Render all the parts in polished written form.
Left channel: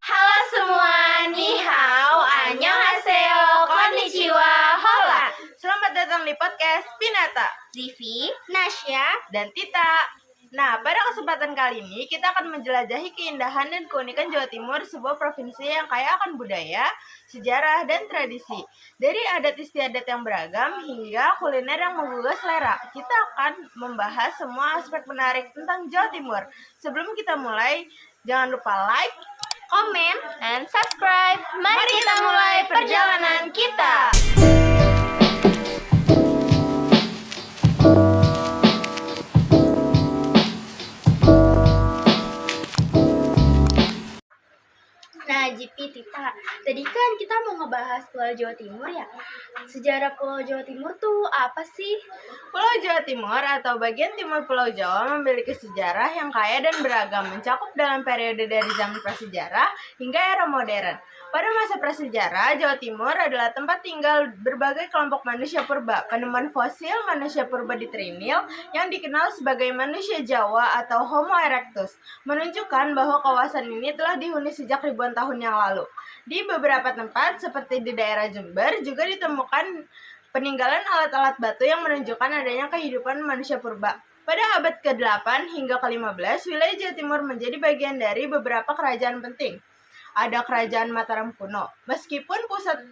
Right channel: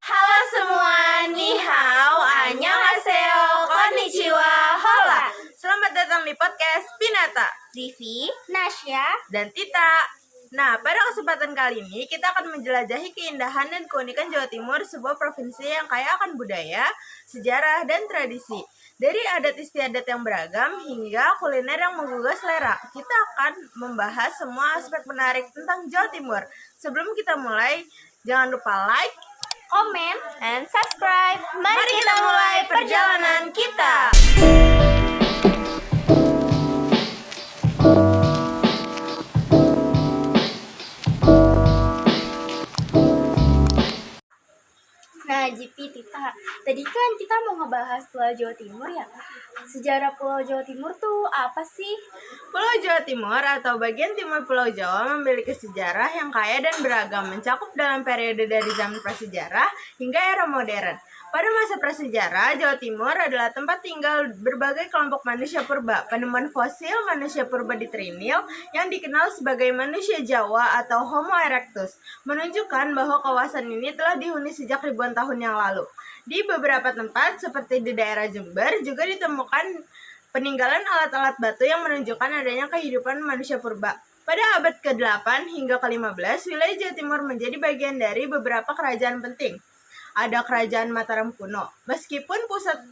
Halo semua, ni hao, annyeonghaseyo, konnichiwa, hola. Selamat datang di podcast Pinata, Zivi, Nasya, dan Tita. Nah, pada kesempatan kali ini kita akan menjelajahi keindahan dan keunikan Jawa Timur, sebuah provinsi yang kaya akan budaya, sejarah, dan tradisi. Dari adat istiadat yang beragam hingga kuliner yang menggugah selera, kita akan membahas semua aspek menarik tentang Jawa Timur. Sebelum kita mulai, jangan lupa like, komen, and subscribe. Mari kita mulai perjalanan kita. Nah, GP Tita, tadi kan kita mau ngebahas Pulau Jawa Timur ya. Sejarah Pulau Jawa Timur tuh apa sih? Pulau Jawa Timur atau bagian timur Pulau Jawa memiliki sejarah yang kaya dan beragam, mencakup dalam periode dari zaman prasejarah hingga era modern. Pada masa prasejarah, Jawa Timur adalah tempat tinggal berbagai kelompok manusia purba. Penemuan fosil manusia purba di Trinil yang dikenal sebagai manusia Jawa atau Homo erectus menunjukkan bahwa kawasan ini telah dihuni sejak ribuan tahun yang lalu. Di beberapa tempat seperti di daerah Jember juga ditemukan peninggalan alat-alat batu yang menunjukkan adanya kehidupan manusia purba. Pada abad ke-8 hingga ke-15, wilayah Jawa Timur menjadi bagian dari beberapa kerajaan penting. Ada Kerajaan Mataram kuno. Meskipun pusat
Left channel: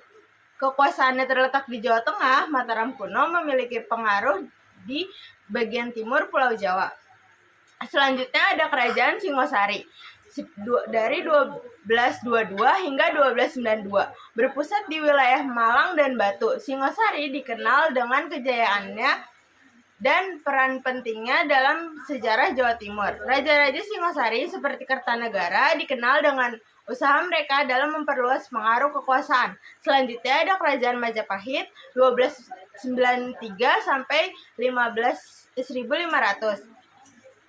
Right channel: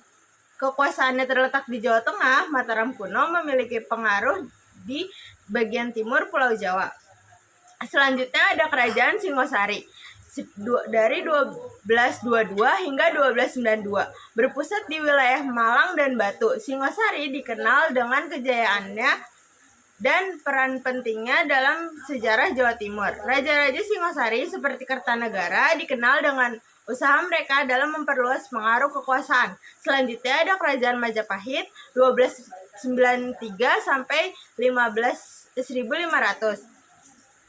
kekuasaannya terletak di Jawa Tengah, Mataram kuno memiliki pengaruh di bagian timur Pulau Jawa. Selanjutnya ada Kerajaan Singosari dari 1222 hingga 1292, berpusat di wilayah Malang dan Batu. Singosari dikenal dengan kejayaannya dan peran pentingnya dalam sejarah Jawa Timur. Raja-raja Singosari seperti Kertanegara dikenal dengan usaha mereka dalam memperluas pengaruh kekuasaan. Selanjutnya ada Kerajaan Majapahit 1293 sampai 1500.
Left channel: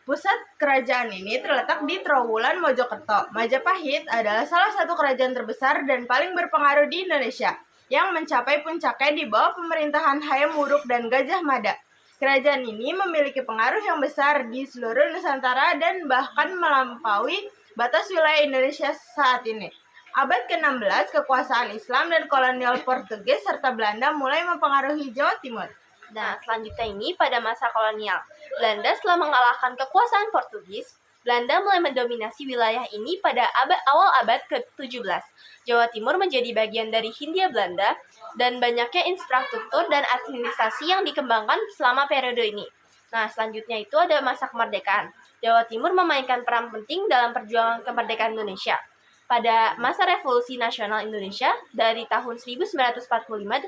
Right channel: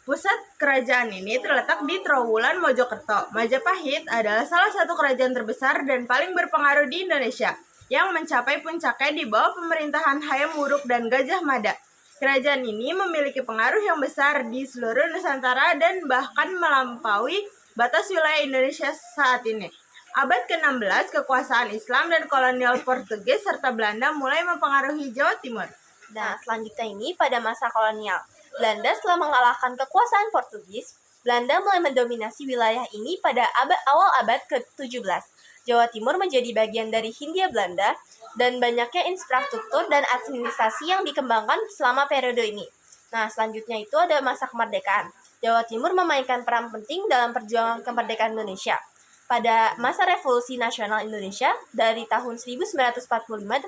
Pusat kerajaan ini terletak di Trowulan, Mojokerto. Majapahit adalah salah satu kerajaan terbesar dan paling berpengaruh di Indonesia yang mencapai puncaknya di bawah pemerintahan Hayam Wuruk dan Gajah Mada. Kerajaan ini memiliki pengaruh yang besar di seluruh Nusantara dan bahkan melampaui batas wilayah Indonesia saat ini. Abad ke-16, kekuasaan Islam dan kolonial Portugis serta Belanda mulai mempengaruhi Jawa Timur. Nah, selanjutnya ini pada masa kolonial. Belanda setelah mengalahkan kekuasaan Portugis, Belanda mulai mendominasi wilayah ini pada awal abad ke-17. Jawa Timur menjadi bagian dari Hindia Belanda dan banyaknya infrastruktur dan administrasi yang dikembangkan selama periode ini. Nah, selanjutnya itu ada masa kemerdekaan. Jawa Timur memainkan peran penting dalam perjuangan kemerdekaan Indonesia. Pada masa Revolusi Nasional Indonesia, dari tahun 1945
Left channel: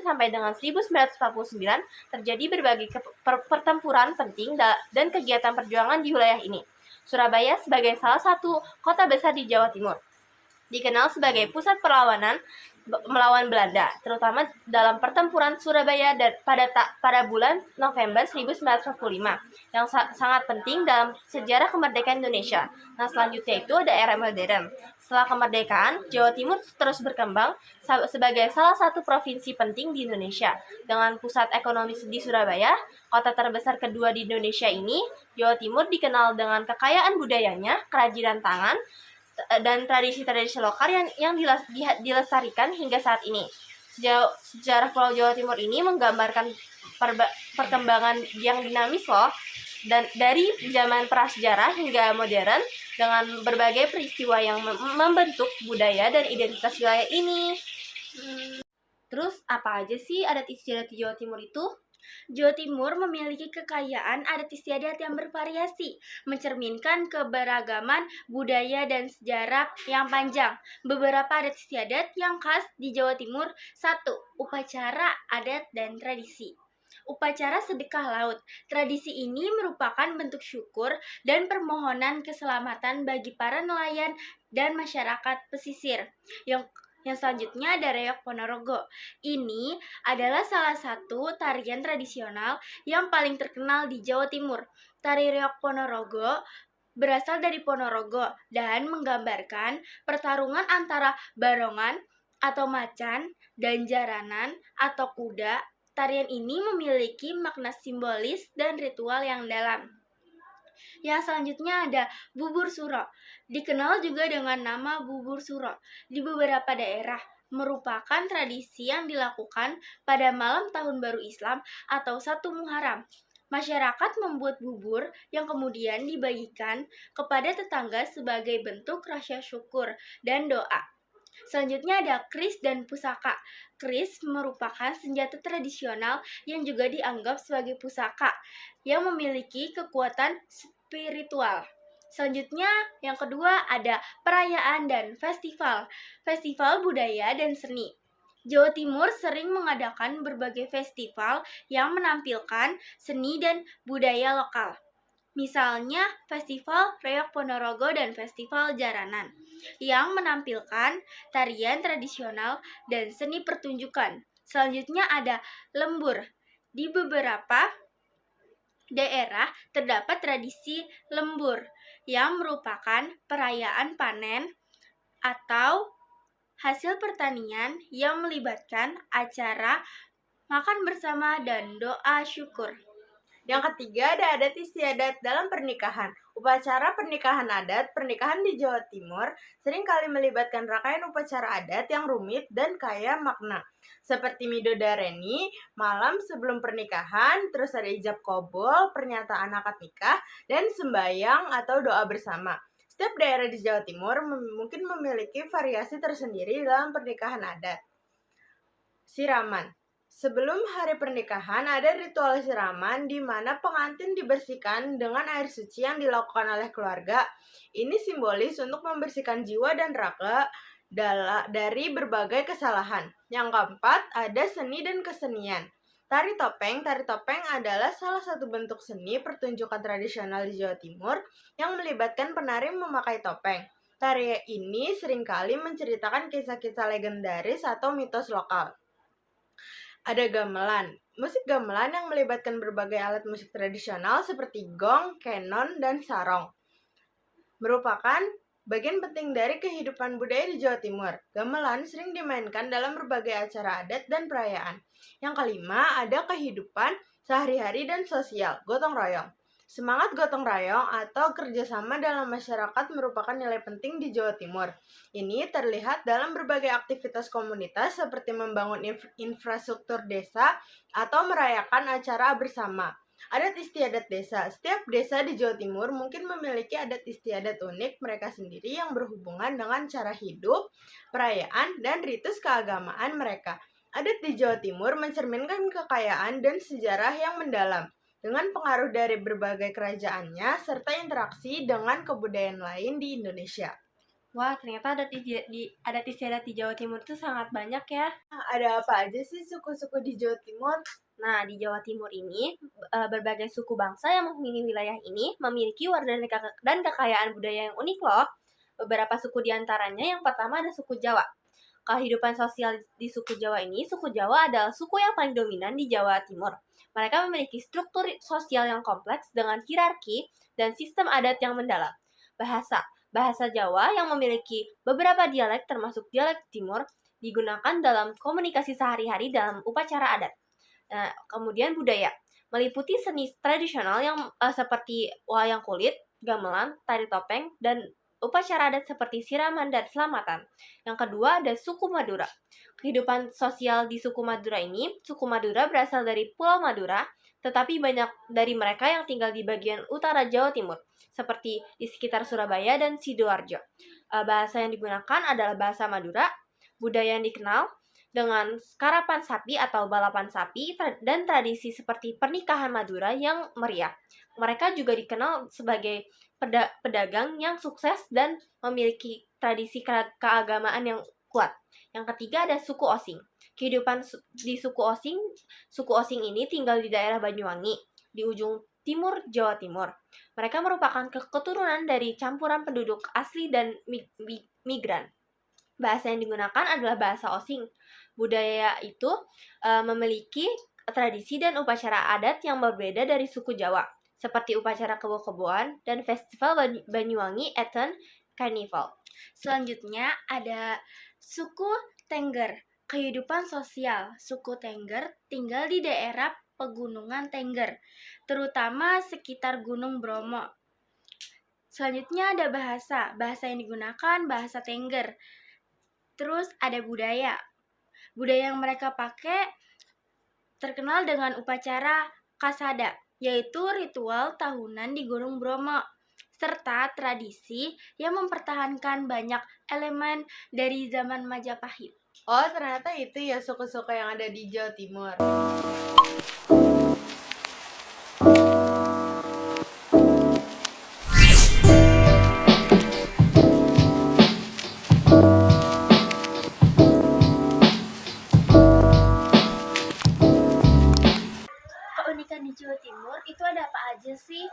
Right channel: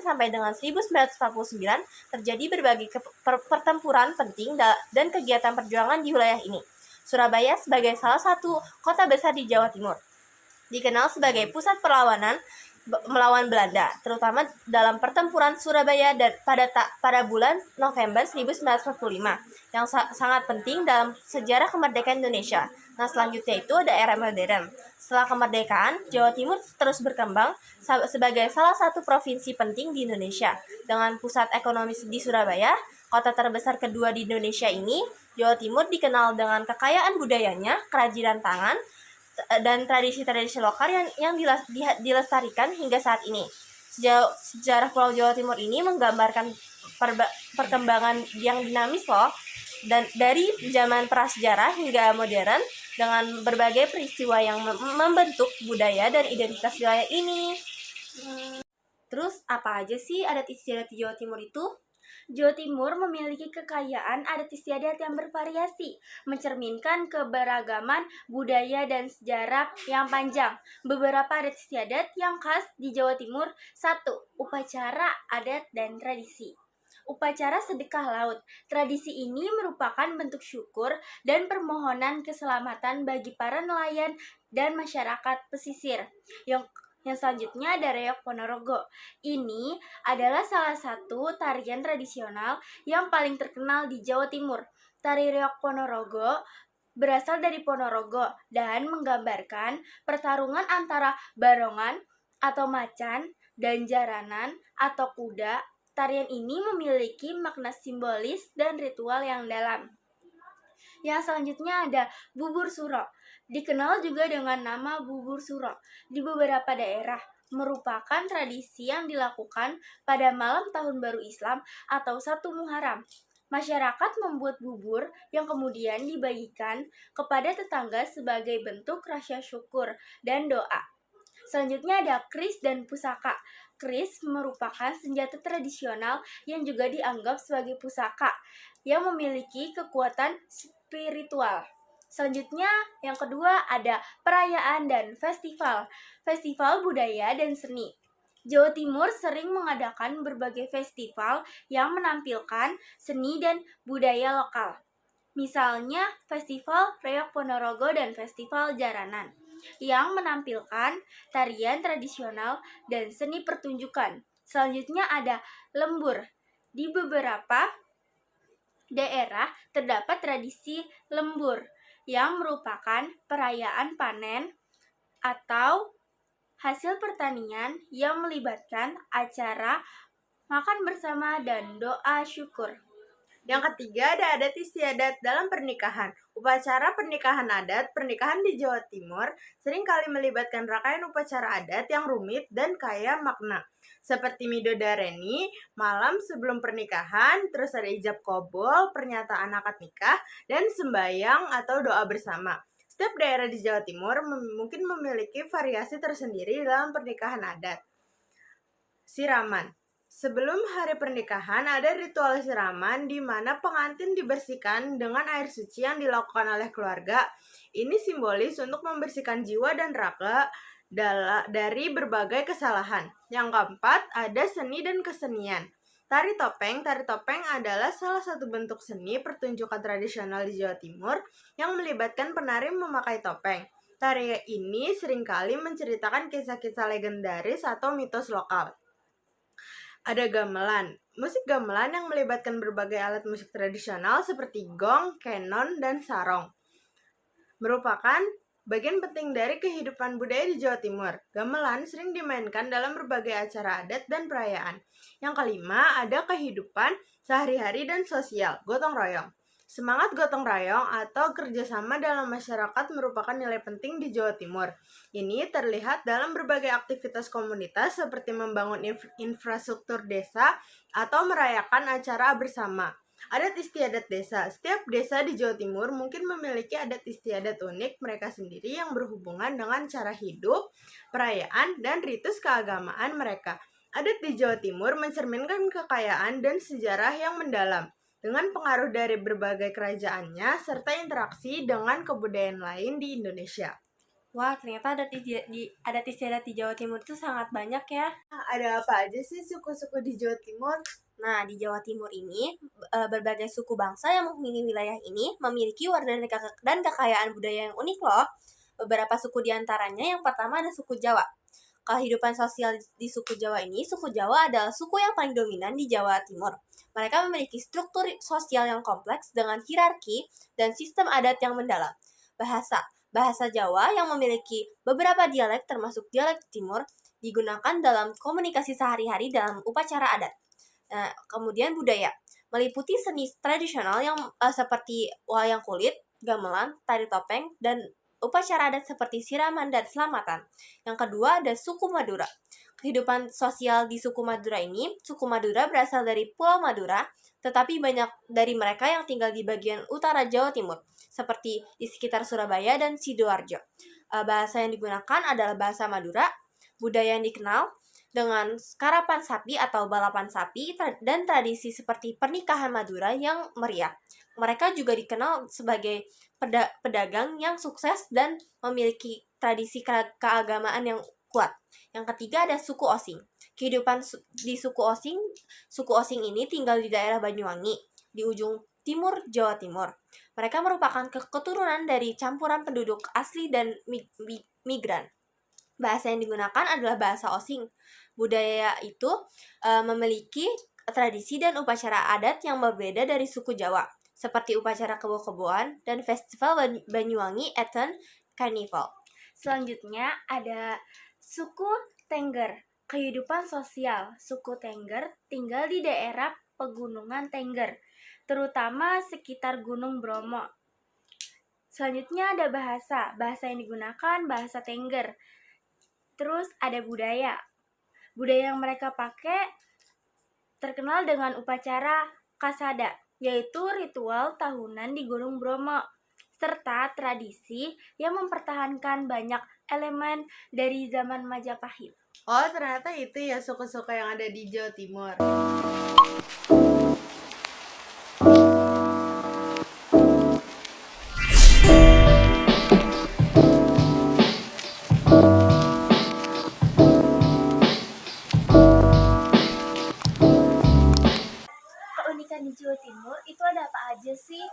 sampai dengan 1949, terjadi berbagai pertempuran penting dan kegiatan perjuangan di wilayah ini. Surabaya sebagai salah satu kota besar di Jawa Timur dikenal sebagai pusat perlawanan melawan Belanda, terutama dalam pertempuran Surabaya pada bulan November 1945 yang sangat penting dalam sejarah kemerdekaan Indonesia. Nah, selanjutnya itu ada era modern. Setelah kemerdekaan, Jawa Timur terus berkembang sebagai salah satu provinsi penting di Indonesia. Dengan pusat ekonomi di Surabaya, kota terbesar kedua di Indonesia ini, Jawa Timur dikenal dengan kekayaan budayanya, kerajinan tangan, dan tradisi-tradisi lokal yang dilestarikan hingga saat ini. Sejarah Pulau Jawa Timur ini menggambarkan perkembangan yang dinamis loh, dan dari zaman prasejarah hingga modern dengan berbagai peristiwa yang membentuk budaya dan identitas wilayah ini. Terus apa aja sih adat istiadat di Jawa Timur itu? Jawa Timur memiliki kekayaan adat istiadat yang bervariasi, mencerminkan keberagaman budaya dan sejarah yang panjang. Beberapa adat istiadat yang khas di Jawa Timur: 1. Upacara adat dan tradisi. Upacara sedekah laut. Tradisi ini merupakan bentuk syukur dan permohonan keselamatan bagi para nelayan dan masyarakat pesisir. Yang selanjutnya ada Reok Ponorogo. Ini adalah salah satu tarian tradisional yang paling terkenal di Jawa Timur. Tari Reok Ponorogo berasal dari Ponorogo dan menggambarkan pertarungan antara barongan atau macan dan jaranan atau kuda. Tarian ini memiliki makna simbolis dan ritual yang dalam. Yang selanjutnya ada bubur suro. Dikenal juga dengan nama bubur suro di beberapa daerah, merupakan tradisi yang dilakukan pada malam Tahun Baru Islam atau 1 Muharram. Masyarakat membuat bubur yang kemudian dibagikan kepada tetangga sebagai bentuk rasa syukur dan doa. Selanjutnya ada kris dan pusaka. Kris merupakan senjata tradisional yang juga dianggap sebagai pusaka yang memiliki kekuatan spiritual. Selanjutnya, yang kedua ada perayaan dan festival. Festival budaya dan seni. Jawa Timur sering mengadakan berbagai festival yang menampilkan seni dan budaya lokal. Misalnya, Festival Reok Ponorogo dan Festival Jaranan yang menampilkan tarian tradisional dan seni pertunjukan. Selanjutnya ada lembur. Di beberapa daerah terdapat tradisi lembur yang merupakan perayaan panen atau hasil pertanian yang melibatkan acara makan bersama dan doa syukur. Yang ketiga ada adat istiadat dalam pernikahan. Upacara pernikahan adat, pernikahan di Jawa Timur seringkali melibatkan rangkaian upacara adat yang rumit dan kaya makna. Seperti midodareni, malam sebelum pernikahan, terus ada ijab kobol, pernyataan akad nikah, dan sembayang atau doa bersama. Setiap daerah di Jawa Timur mungkin memiliki variasi tersendiri dalam pernikahan adat. Siraman. Sebelum hari pernikahan, ada ritual siraman di mana pengantin dibersihkan dengan air suci yang dilakukan oleh keluarga. Ini simbolis untuk membersihkan jiwa dan raga dari berbagai kesalahan. Yang keempat, ada seni dan kesenian. Tari topeng adalah salah satu bentuk seni pertunjukan tradisional di Jawa Timur yang melibatkan penari memakai topeng. Tari ini seringkali menceritakan kisah-kisah legendaris atau mitos lokal. Ada gamelan. Musik gamelan yang melibatkan berbagai alat musik tradisional seperti gong, kenon, dan sarong. Merupakan bagian penting dari kehidupan budaya di Jawa Timur. Gamelan sering dimainkan dalam berbagai acara adat dan perayaan. Yang kelima, ada kehidupan sehari-hari dan sosial, gotong royong. Semangat gotong royong atau kerjasama dalam masyarakat merupakan nilai penting di Jawa Timur. Ini terlihat dalam berbagai aktivitas komunitas seperti membangun infrastruktur desa atau merayakan acara bersama. Adat istiadat desa. Setiap desa di Jawa Timur mungkin memiliki adat istiadat unik mereka sendiri yang berhubungan dengan cara hidup, perayaan, dan ritus keagamaan mereka. Adat di Jawa Timur mencerminkan kekayaan dan sejarah yang mendalam, dengan pengaruh dari berbagai kerajaannya serta interaksi dengan kebudayaan lain di Indonesia. Wah, ternyata adat istiadat di Jawa Timur itu sangat banyak ya. Nah, ada apa aja sih suku-suku di Jawa Timur? Nah, di Jawa Timur ini, berbagai suku bangsa yang menghuni wilayah ini memiliki warna dan kekayaan budaya yang unik loh. Beberapa suku diantaranya, yang pertama ada suku Jawa. Kehidupan sosial di suku Jawa ini, suku Jawa adalah suku yang paling dominan di Jawa Timur. Mereka memiliki struktur sosial yang kompleks dengan hierarki dan sistem adat yang mendalam. Bahasa Jawa yang memiliki beberapa dialek termasuk dialek Timur digunakan dalam komunikasi sehari-hari dalam upacara adat. Kemudian budaya, meliputi seni tradisional yang seperti wayang kulit, gamelan, tari topeng, dan upacara adat seperti siraman dan selamatan. Yang kedua ada suku Madura. Kehidupan sosial di suku Madura ini, suku Madura berasal dari Pulau Madura, tetapi banyak dari mereka yang tinggal di bagian utara Jawa Timur, seperti di sekitar Surabaya dan Sidoarjo. Bahasa yang digunakan adalah bahasa Madura. Budaya yang dikenal, dengan karapan sapi atau balapan sapi dan tradisi seperti pernikahan Madura yang meriah. Mereka juga dikenal sebagai pedagang yang sukses dan memiliki tradisi keagamaan yang kuat. Yang ketiga ada suku Osing. Kehidupan di suku Osing ini tinggal di daerah Banyuwangi, di ujung timur Jawa Timur. Mereka merupakan keturunan dari campuran penduduk asli dan migran. Bahasa yang digunakan adalah bahasa Osing. Budaya itu memiliki tradisi dan upacara adat yang berbeda dari suku Jawa, seperti upacara kebo-keboan dan festival Banyuwangi Eten Carnival. Selanjutnya ada suku Tengger. Kehidupan sosial suku Tengger tinggal di daerah pegunungan Tengger, terutama sekitar Gunung Bromo. Selanjutnya ada bahasa. Bahasa yang digunakan bahasa Tengger. Terus ada budaya. Budaya yang mereka pakai terkenal dengan upacara Kasada, yaitu ritual tahunan di Gunung Bromo, serta tradisi yang mempertahankan banyak elemen dari zaman Majapahit. Oh, ternyata itu ya suku-suku yang ada di Jawa Timur. Keunikan di Jawa Timur itu ada apa aja sih?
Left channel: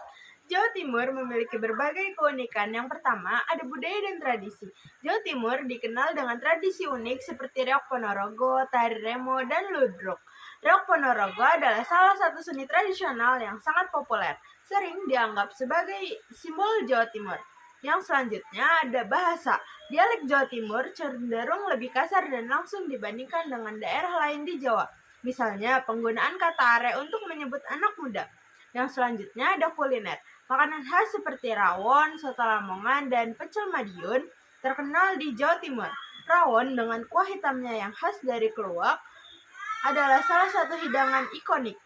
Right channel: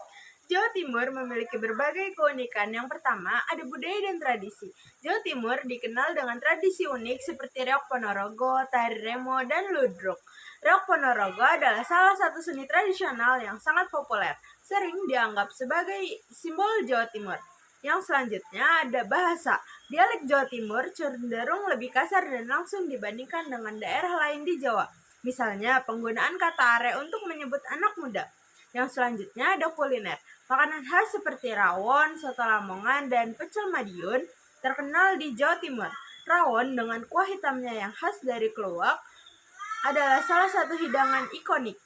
Jawa Timur memiliki berbagai keunikan. Yang pertama, ada budaya dan tradisi. Jawa Timur dikenal dengan tradisi unik seperti Reok Ponorogo, Tari Remo, dan Ludruk. Reok Ponorogo adalah salah satu seni tradisional yang sangat populer, sering dianggap sebagai simbol Jawa Timur. Yang selanjutnya ada bahasa. Dialek Jawa Timur cenderung lebih kasar dan langsung dibandingkan dengan daerah lain di Jawa. Misalnya, penggunaan kata are untuk menyebut anak muda. Yang selanjutnya ada kuliner. Makanan khas seperti rawon, soto Lamongan, dan pecel Madiun terkenal di Jawa Timur. Rawon dengan kuah hitamnya yang khas dari keluak adalah salah satu hidangan ikonik.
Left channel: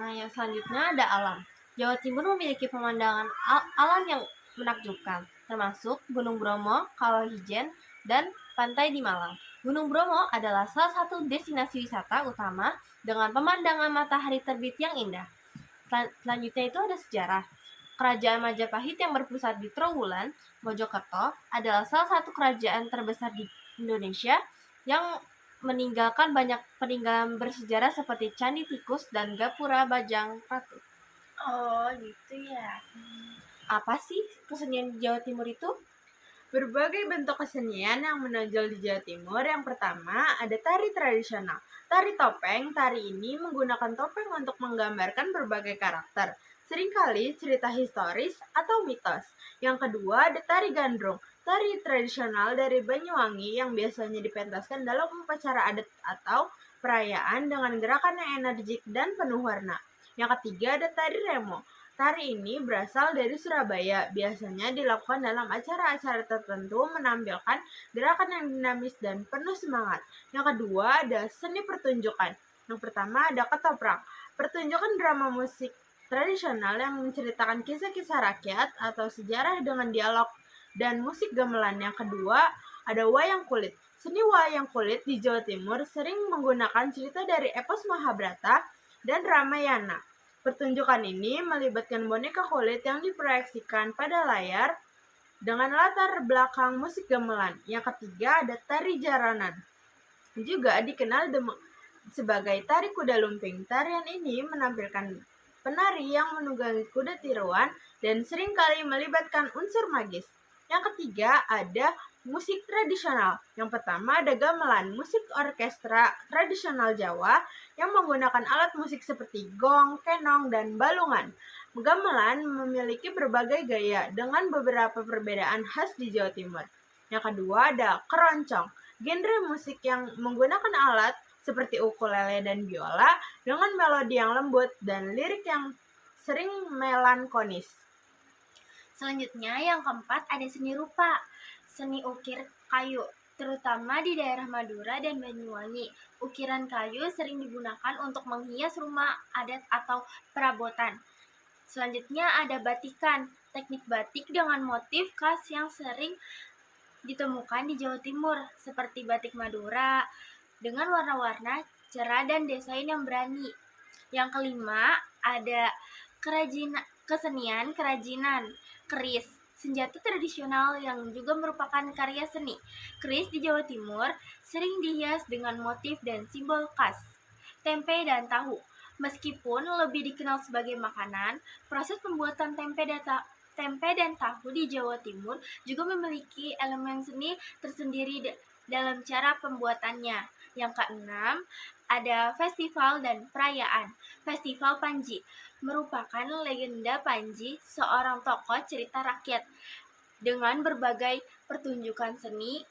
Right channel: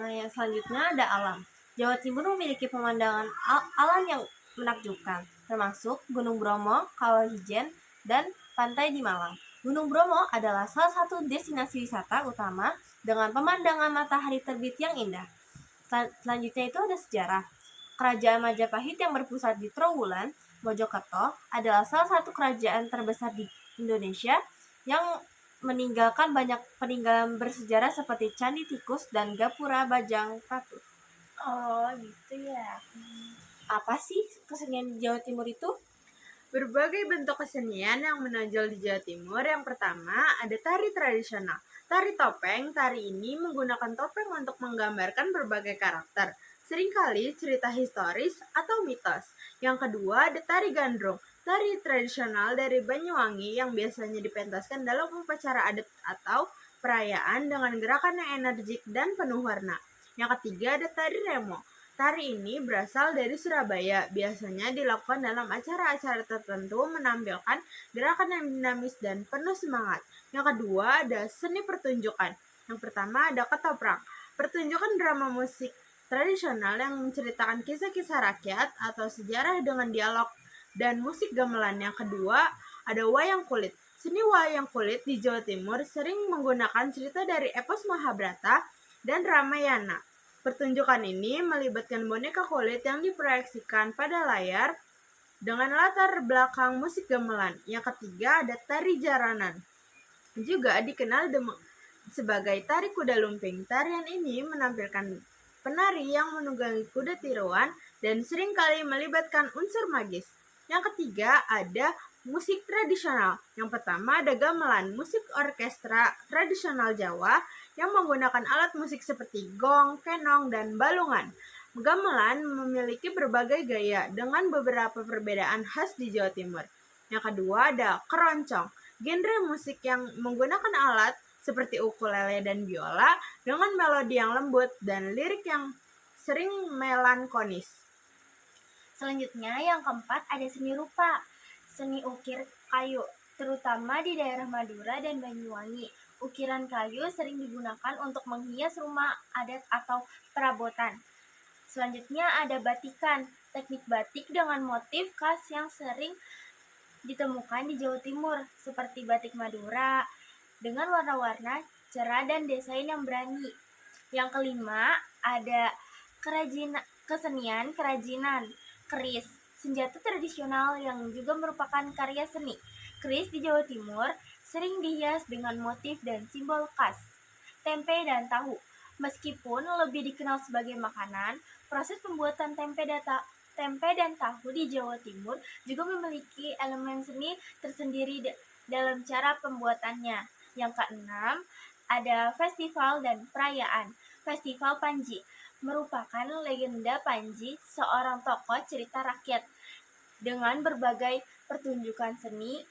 Nah, yang selanjutnya ada alam. Jawa Timur memiliki pemandangan alam yang menakjubkan, termasuk Gunung Bromo, Kawah Ijen, dan pantai di Malang. Gunung Bromo adalah salah satu destinasi wisata utama dengan pemandangan matahari terbit yang indah. Selanjutnya itu ada sejarah. Kerajaan Majapahit yang berpusat di Trowulan, Mojokerto, adalah salah satu kerajaan terbesar di Indonesia yang meninggalkan banyak peninggalan bersejarah seperti Candi Tikus dan Gapura Bajang Ratu. Oh, gitu ya. Apa sih kesenian di Jawa Timur itu? Berbagai bentuk kesenian yang menonjol di Jawa Timur. Yang pertama, ada tari tradisional. Tari topeng. Tari ini menggunakan topeng untuk menggambarkan berbagai karakter, seringkali cerita historis atau mitos. Yang kedua, ada tari gandrung. Tari tradisional dari Banyuwangi yang biasanya dipentaskan dalam upacara adat atau perayaan dengan gerakan yang energik dan penuh warna. Yang ketiga, ada tari remo. Tari ini berasal dari Surabaya, biasanya dilakukan dalam acara-acara tertentu menampilkan gerakan yang dinamis dan penuh semangat. Yang kedua ada seni pertunjukan. Yang pertama ada ketoprak, pertunjukan drama musik tradisional yang menceritakan kisah-kisah rakyat atau sejarah dengan dialog dan musik gamelan. Yang kedua ada wayang kulit. Seni wayang kulit di Jawa Timur sering menggunakan cerita dari epos Mahabharata dan Ramayana. Pertunjukan ini melibatkan boneka kulit yang diproyeksikan pada layar dengan latar belakang musik gamelan. Yang ketiga ada tari jaranan, juga dikenal sebagai tari kuda lumping. Tarian ini menampilkan penari yang menunggangi kuda tiruan dan seringkali melibatkan unsur magis. Yang ketiga ada musik tradisional. Yang pertama ada gamelan, musik orkestra tradisional Jawa yang menggunakan alat musik seperti gong, kenong, dan balungan. Gamelan memiliki berbagai gaya dengan beberapa perbedaan khas di Jawa Timur. Yang kedua ada keroncong, genre musik yang menggunakan alat seperti ukulele dan biola dengan melodi yang lembut dan lirik yang sering melankolis. Selanjutnya yang keempat ada seni rupa. Seni ukir kayu, terutama di daerah Madura dan Banyuwangi. Ukiran kayu sering digunakan untuk menghias rumah adat atau perabotan. Selanjutnya ada batikan, teknik batik dengan motif khas yang sering ditemukan di Jawa Timur, seperti batik Madura, dengan warna-warna cerah dan desain yang berani. Yang kelima, ada kesenian kerajinan, keris, senjata tradisional yang juga merupakan karya seni. Keris di Jawa Timur sering dihias dengan motif dan simbol khas. Tempe dan tahu. Meskipun lebih dikenal sebagai makanan, proses pembuatan tempe dan tahu di Jawa Timur juga memiliki elemen seni tersendiri dalam cara pembuatannya. Yang keenam, ada festival dan perayaan. Festival Panji merupakan legenda Panji, seorang tokoh cerita rakyat dengan berbagai pertunjukan seni.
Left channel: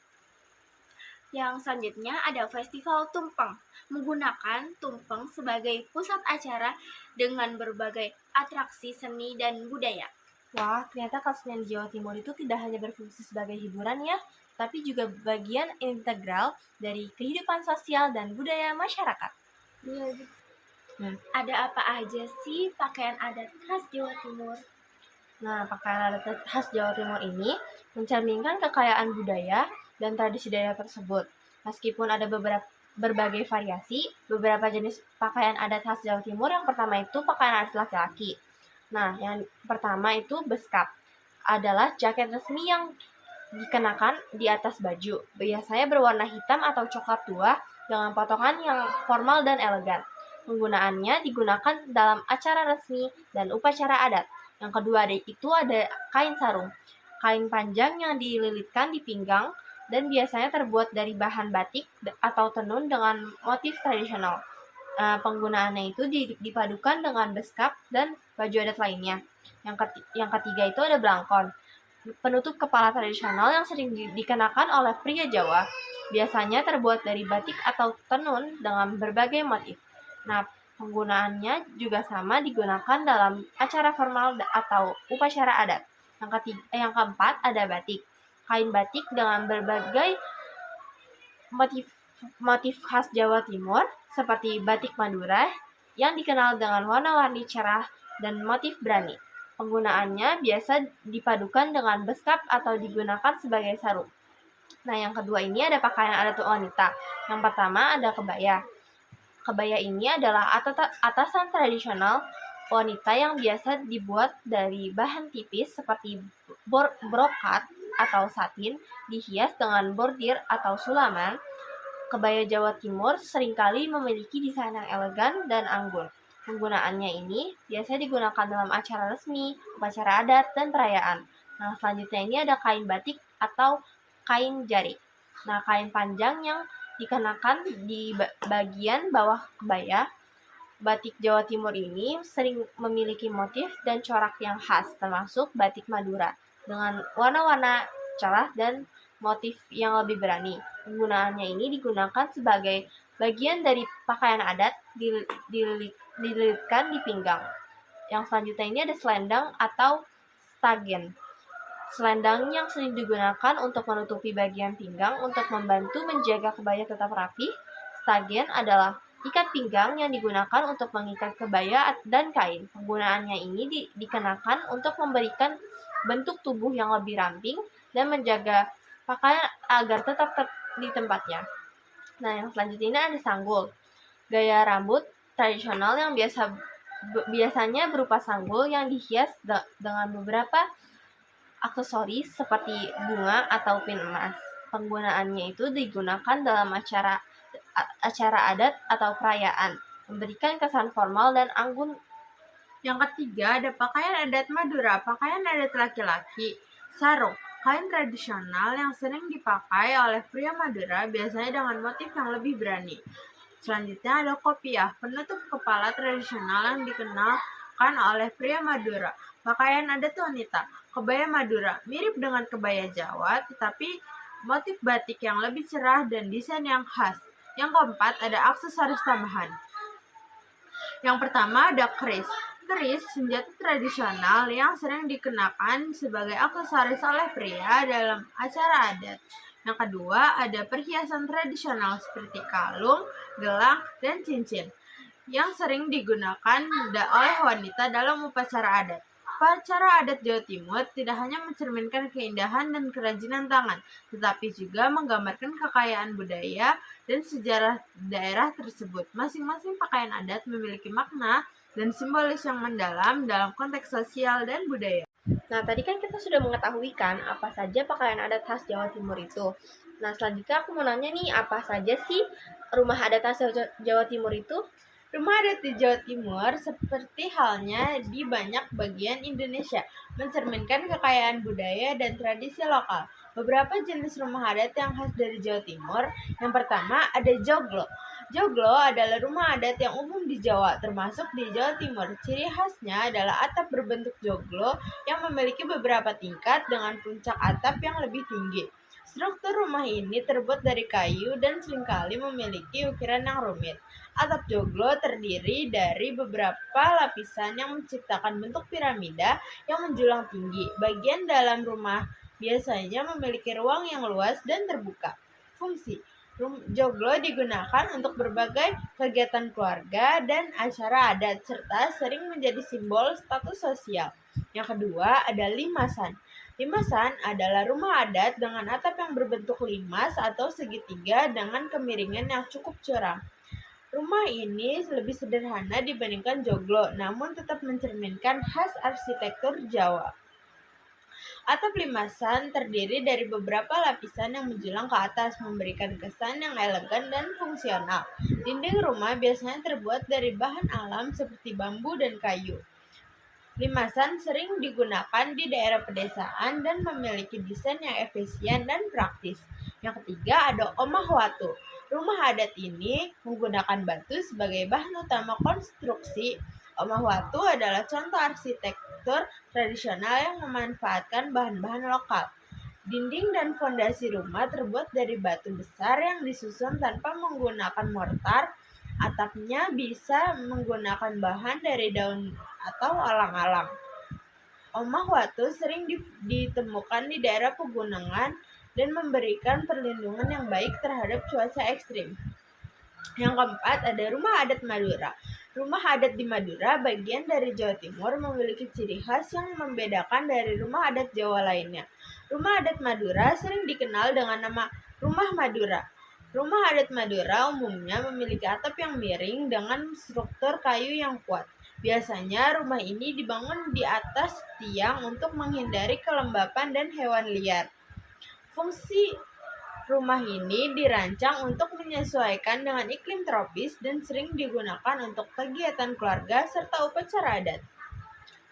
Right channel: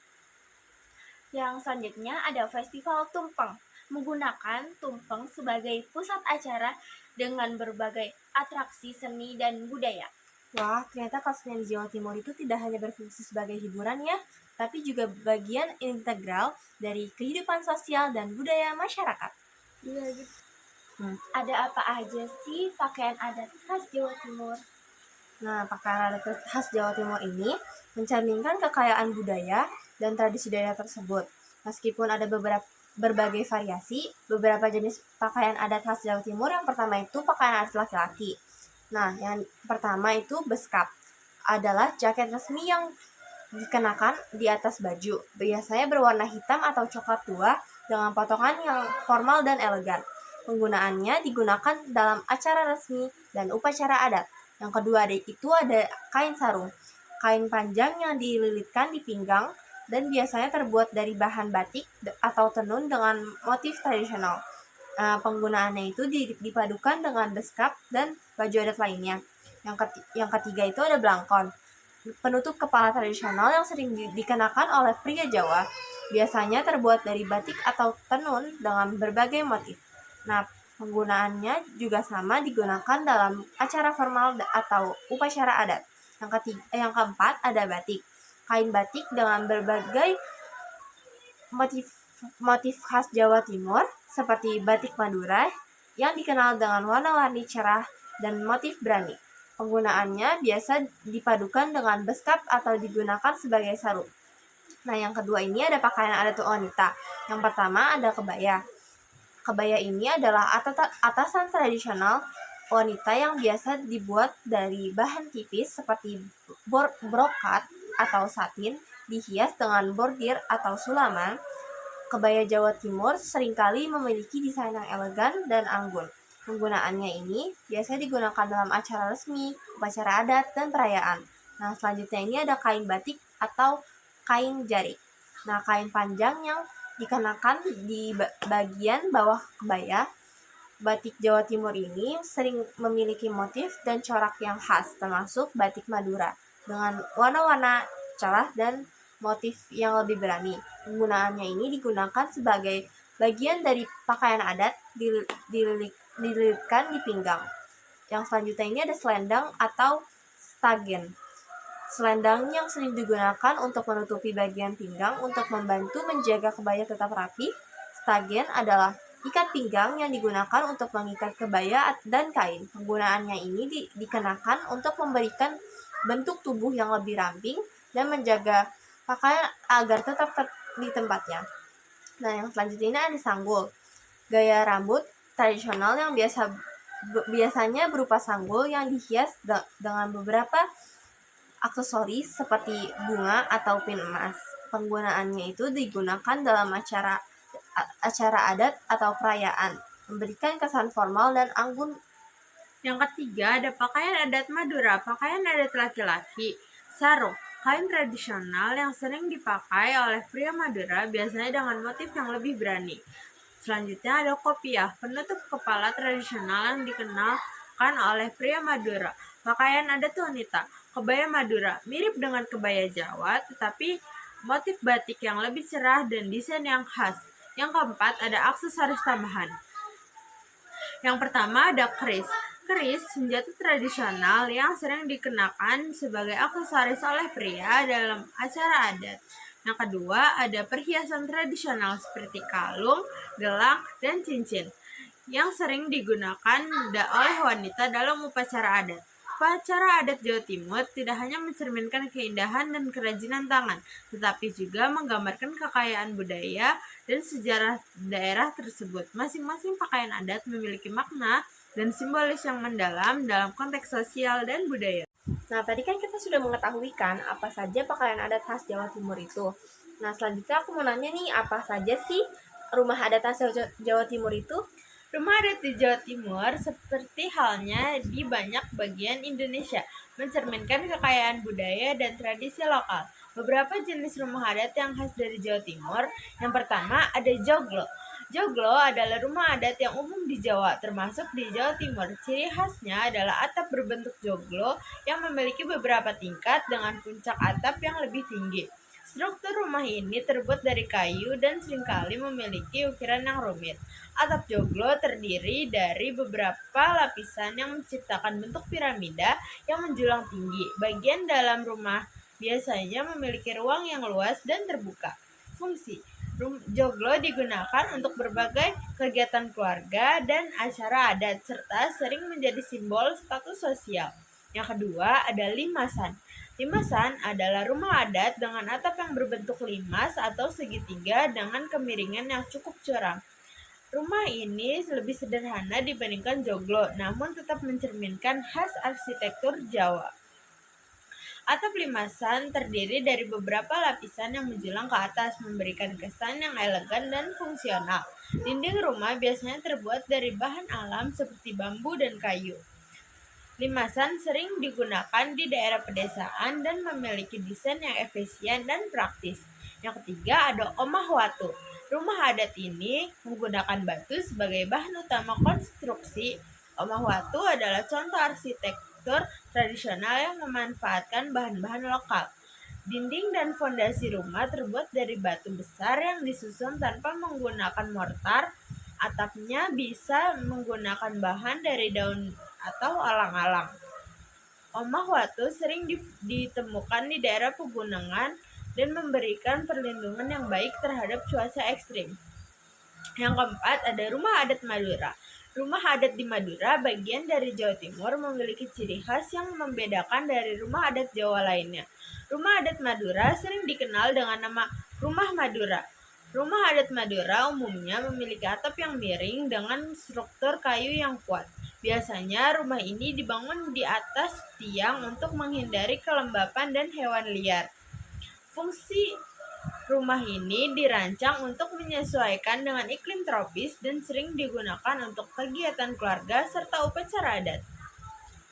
Yang selanjutnya ada Festival Tumpeng, menggunakan tumpeng sebagai pusat acara dengan berbagai atraksi seni dan budaya. Wah, ternyata kesenian di Jawa Timur itu tidak hanya berfungsi sebagai hiburan ya, tapi juga bagian integral dari kehidupan sosial dan budaya masyarakat. Iya. Ada apa aja sih pakaian adat khas Jawa Timur? Nah, pakaian adat khas Jawa Timur ini mencerminkan kekayaan budaya dan tradisi daerah tersebut. Meskipun ada berbagai variasi, beberapa jenis pakaian adat khas Jawa Timur, yang pertama itu pakaian adat laki-laki. Nah, yang pertama itu beskap, adalah jaket resmi yang dikenakan di atas baju. Biasanya berwarna hitam atau coklat tua dengan potongan yang formal dan elegan. Penggunaannya digunakan dalam acara resmi dan upacara adat. Yang kedua itu ada kain sarung, kain panjang yang dililitkan di pinggang dan biasanya terbuat dari bahan batik atau tenun dengan motif tradisional. Penggunaannya itu dipadukan dengan beskap dan baju adat lainnya. Yang ketiga itu ada blangkon, penutup kepala tradisional yang sering dikenakan oleh pria Jawa. Biasanya terbuat dari batik atau tenun dengan berbagai motif. Nah, penggunaannya juga sama digunakan dalam acara formal atau upacara adat. Yang keempat ada batik. Kain batik dengan berbagai motif khas Jawa Timur seperti batik Madura yang dikenal dengan warna-warni cerah dan motif berani. Penggunaannya biasa dipadukan dengan beskap atau digunakan sebagai sarung. Nah, yang kedua ini ada pakaian adat wanita. Yang pertama ada kebaya. Kebaya ini adalah atasan tradisional wanita yang biasa dibuat dari bahan tipis seperti brokat atau satin, dihias dengan bordir atau sulaman. Kebaya Jawa Timur seringkali memiliki desain yang elegan dan anggun. Penggunaannya ini biasanya digunakan dalam acara resmi, upacara adat, dan perayaan. Nah, selanjutnya ini ada kain batik atau kain jarik. Nah, kain panjang yang dikenakan di bagian bawah kebaya. Batik Jawa Timur ini sering memiliki motif dan corak yang khas, termasuk batik Madura, dengan warna-warna cerah dan motif yang lebih berani. Penggunaannya ini digunakan sebagai bagian dari pakaian adat, dililitkan di pinggang. Yang selanjutnya ini ada selendang atau stagen. Selendang yang sering digunakan untuk menutupi bagian pinggang untuk membantu menjaga kebaya tetap rapi. Stagen adalah ikat pinggang yang digunakan untuk mengikat kebaya dan kain. Penggunaannya ini dikenakan untuk memberikan bentuk tubuh yang lebih ramping dan menjaga pakaian agar tetap di tempatnya. Nah, yang selanjutnya ini ada sanggul. Gaya rambut tradisional yang biasanya berupa sanggul yang dihias dengan beberapa aksesoris seperti bunga atau pin emas. Penggunaannya itu digunakan dalam acara adat atau perayaan, memberikan kesan formal dan anggun. Yang ketiga ada pakaian adat Madura, pakaian adat laki-laki, sarung, kain tradisional yang sering dipakai oleh pria Madura biasanya dengan motif yang lebih berani. Selanjutnya ada kopiah, penutup kepala tradisional yang dikenakan oleh pria Madura. Pakaian adat wanita, kebaya Madura, mirip dengan kebaya Jawa, tetapi motif batik yang lebih cerah dan desain yang khas. Yang keempat ada aksesoris tambahan. Yang pertama ada keris. Keris, senjata tradisional yang sering dikenakan sebagai aksesoris oleh pria dalam acara adat. Yang kedua, ada perhiasan tradisional seperti kalung, gelang, dan cincin yang sering digunakan oleh wanita dalam upacara adat. Upacara adat Jawa Timur tidak hanya mencerminkan keindahan dan kerajinan tangan, tetapi juga menggambarkan kekayaan budaya dan sejarah daerah tersebut. Masing-masing pakaian adat memiliki makna dan simbolis yang mendalam dalam konteks sosial dan budaya. Nah, tadi kan kita sudah mengetahui kan apa saja pakaian adat khas Jawa Timur itu. Nah, selanjutnya aku mau nanya nih, apa saja sih rumah adat khas Jawa Timur itu? Rumah adat di Jawa Timur seperti halnya di banyak bagian Indonesia, mencerminkan kekayaan budaya dan tradisi lokal. Beberapa jenis rumah adat yang khas dari Jawa Timur. Yang pertama ada joglo. Joglo adalah rumah adat yang umum di Jawa, termasuk di Jawa Timur. Ciri khasnya adalah atap berbentuk joglo yang memiliki beberapa tingkat dengan puncak atap yang lebih tinggi. Struktur rumah ini terbuat dari kayu dan seringkali memiliki ukiran yang rumit. Atap joglo terdiri dari beberapa lapisan yang menciptakan bentuk piramida yang menjulang tinggi. Bagian dalam rumah biasanya memiliki ruang yang luas dan terbuka. Fungsi joglo digunakan untuk berbagai kegiatan keluarga dan acara adat, serta sering menjadi simbol status sosial. Yang kedua ada limasan. Limasan adalah rumah adat dengan atap yang berbentuk limas atau segitiga dengan kemiringan yang cukup curam. Rumah ini lebih sederhana dibandingkan joglo, namun tetap mencerminkan khas arsitektur Jawa. Atap limasan terdiri dari beberapa lapisan yang menjulang ke atas, memberikan kesan yang elegan dan fungsional. Dinding rumah biasanya terbuat dari bahan alam seperti bambu dan kayu. Limasan sering digunakan di daerah pedesaan dan memiliki desain yang efisien dan praktis. Yang ketiga ada omah watu. Rumah adat ini menggunakan batu sebagai bahan utama konstruksi. Omah watu adalah contoh arsitektur tradisional yang memanfaatkan bahan-bahan lokal. Dinding dan fondasi rumah terbuat dari batu besar yang disusun tanpa menggunakan mortar. Atapnya bisa menggunakan bahan dari daun atau alang-alang. Omah watu sering ditemukan di daerah pegunungan dan memberikan perlindungan yang baik terhadap cuaca ekstrim. Yang keempat ada rumah adat Madura. Rumah adat di Madura, bagian dari Jawa Timur, memiliki ciri khas yang membedakan dari rumah adat Jawa lainnya. Rumah adat Madura sering dikenal dengan nama Rumah Madura. Rumah adat Madura umumnya memiliki atap yang miring dengan struktur kayu yang kuat. Biasanya rumah ini dibangun di atas tiang untuk menghindari kelembapan dan hewan liar. Fungsi rumah ini dirancang untuk menyesuaikan dengan iklim tropis dan sering digunakan untuk kegiatan keluarga serta upacara adat.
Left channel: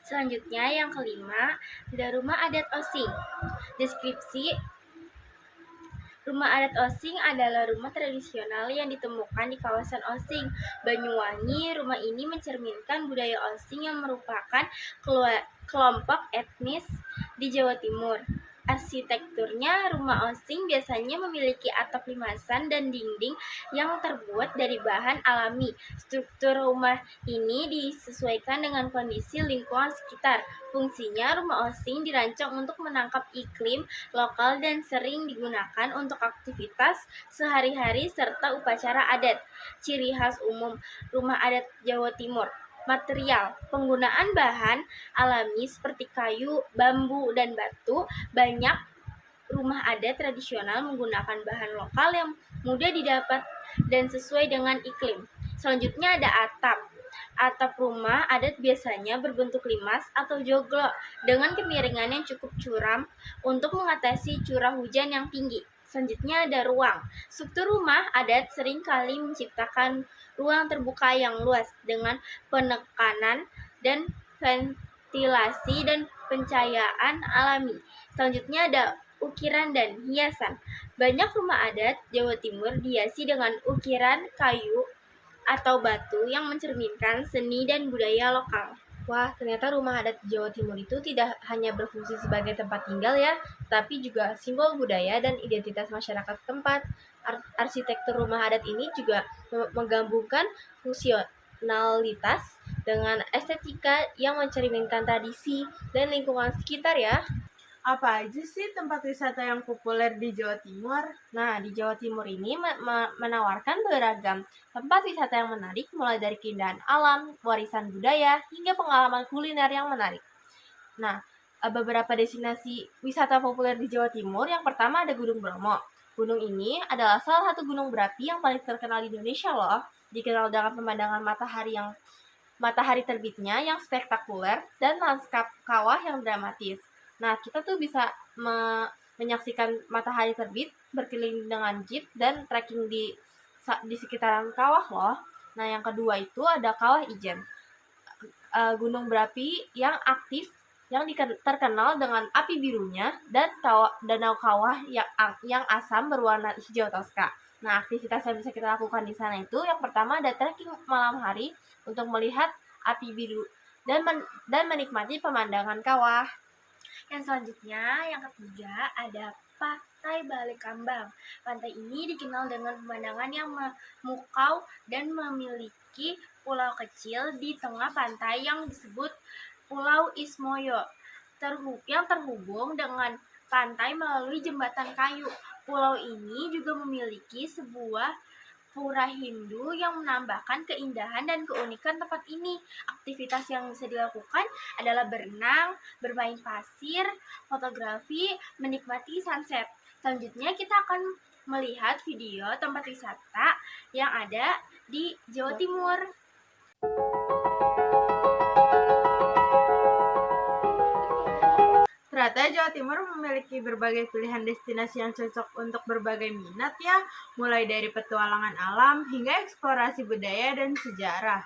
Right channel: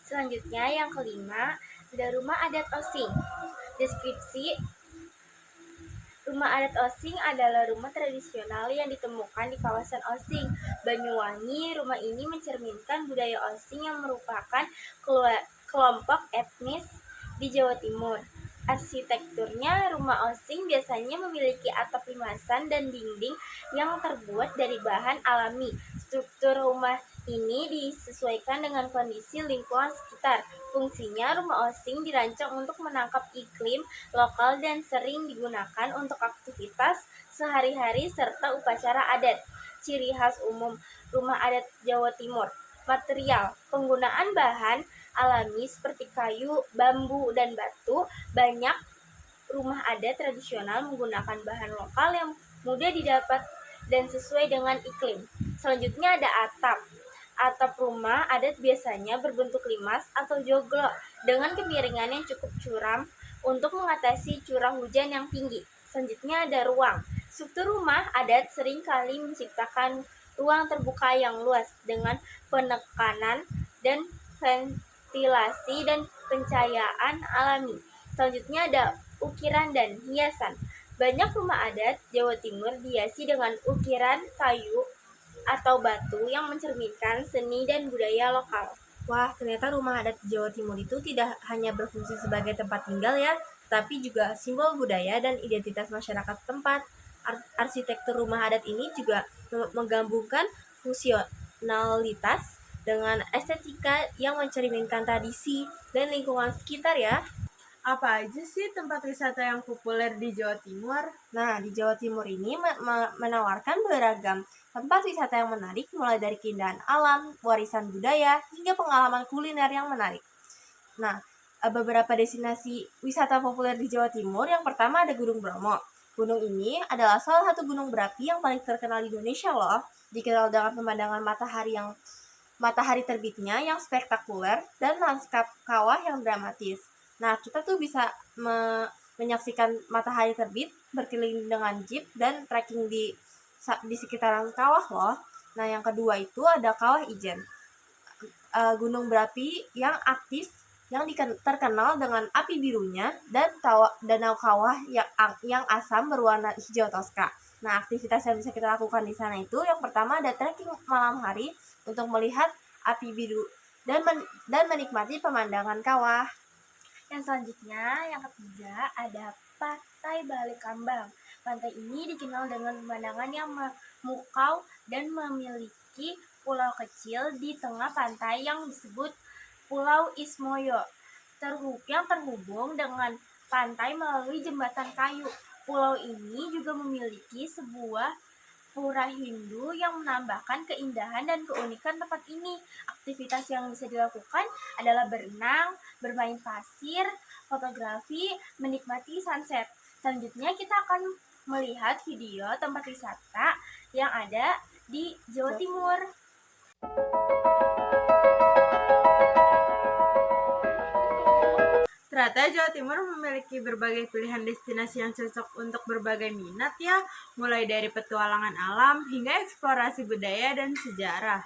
Selanjutnya yang kelima, ada rumah adat Osing. Deskripsi rumah adat Osing adalah rumah tradisional yang ditemukan di kawasan Osing, Banyuwangi. Rumah ini mencerminkan budaya Osing yang merupakan kelompok etnis di Jawa Timur. Arsitekturnya, rumah Osing biasanya memiliki atap limasan dan dinding yang terbuat dari bahan alami. Struktur rumah ini disesuaikan dengan kondisi lingkungan sekitar. Fungsinya, rumah Osing dirancang untuk menangkap iklim lokal dan sering digunakan untuk aktivitas sehari-hari serta upacara adat. Ciri khas umum rumah adat Jawa Timur. Material, penggunaan bahan alami seperti kayu, bambu, dan batu. Banyak rumah adat tradisional menggunakan bahan lokal yang mudah didapat dan sesuai dengan iklim. Selanjutnya ada atap. Atap rumah adat biasanya berbentuk limas atau joglo dengan kemiringan yang cukup curam untuk mengatasi curah hujan yang tinggi. Selanjutnya ada ruang. Struktur rumah adat seringkali menciptakan ruang terbuka yang luas dengan penekanan dan ventilasi dan pencahayaan alami. Selanjutnya ada ukiran dan hiasan. Banyak rumah adat Jawa Timur dihiasi dengan ukiran kayu atau batu yang mencerminkan seni dan budaya lokal. Wah, ternyata rumah adat Jawa Timur itu tidak hanya berfungsi sebagai tempat tinggal ya, tapi juga simbol budaya dan identitas masyarakat setempat. Arsitektur rumah adat ini juga menggabungkan fungsionalitas dengan estetika yang mencerminkan tradisi dan lingkungan sekitar ya. Apa aja sih tempat wisata yang populer di Jawa Timur? Nah, di Jawa Timur ini menawarkan beragam tempat wisata yang menarik, mulai dari keindahan alam, warisan budaya, hingga pengalaman kuliner yang menarik. Nah, beberapa destinasi wisata populer di Jawa Timur, yang pertama ada Gunung Bromo. Gunung ini adalah salah satu gunung berapi yang paling terkenal di Indonesia loh. Dikenal dengan pemandangan matahari terbitnya yang spektakuler dan lanskap kawah yang dramatis. Nah, kita tuh bisa menyaksikan matahari terbit berkeliling dengan jeep dan trekking di sekitaran kawah loh. Nah, yang kedua itu ada Kawah Ijen. Gunung berapi yang aktif yang terkenal dengan api birunya dan danau kawah yang asam berwarna hijau toska. Nah, aktivitas yang bisa kita lakukan di sana itu yang pertama ada trekking malam hari untuk melihat api biru dan menikmati pemandangan kawah. Yang selanjutnya, yang ketiga, ada Pantai Balekambang. Pantai ini dikenal dengan pemandangan yang memukau dan memiliki pulau kecil di tengah pantai yang disebut Pulau Ismoyo, yang terhubung dengan pantai melalui jembatan kayu. Pulau ini juga memiliki sebuah pura Hindu yang menambahkan keindahan dan keunikan tempat ini. Aktivitas yang bisa dilakukan adalah berenang, bermain pasir, fotografi, menikmati sunset. Selanjutnya kita akan melihat video tempat wisata yang ada di Jawa Timur. Ternyata Jawa Timur memiliki berbagai pilihan destinasi yang cocok untuk berbagai minat ya, mulai dari petualangan alam hingga eksplorasi budaya dan sejarah.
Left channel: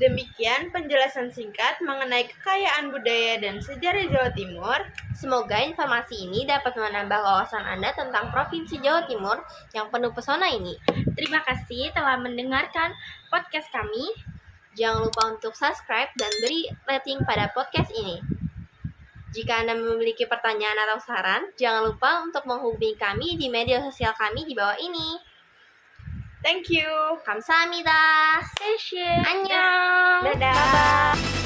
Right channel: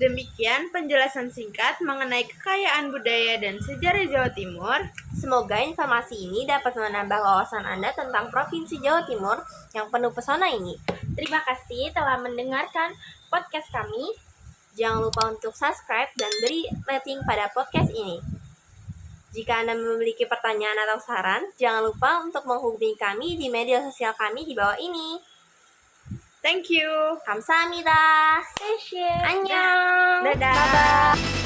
Demikian penjelasan singkat mengenai kekayaan budaya dan sejarah Jawa Timur. Semoga informasi ini dapat menambah wawasan Anda tentang Provinsi Jawa Timur yang penuh pesona ini. Terima kasih telah mendengarkan podcast kami. Jangan lupa untuk subscribe dan beri rating pada podcast ini. Jika Anda memiliki pertanyaan atau saran, jangan lupa untuk menghubungi kami di media sosial kami di bawah ini. Thank you. 감사합니다. Session. 안녕. Dadah. Bye-bye.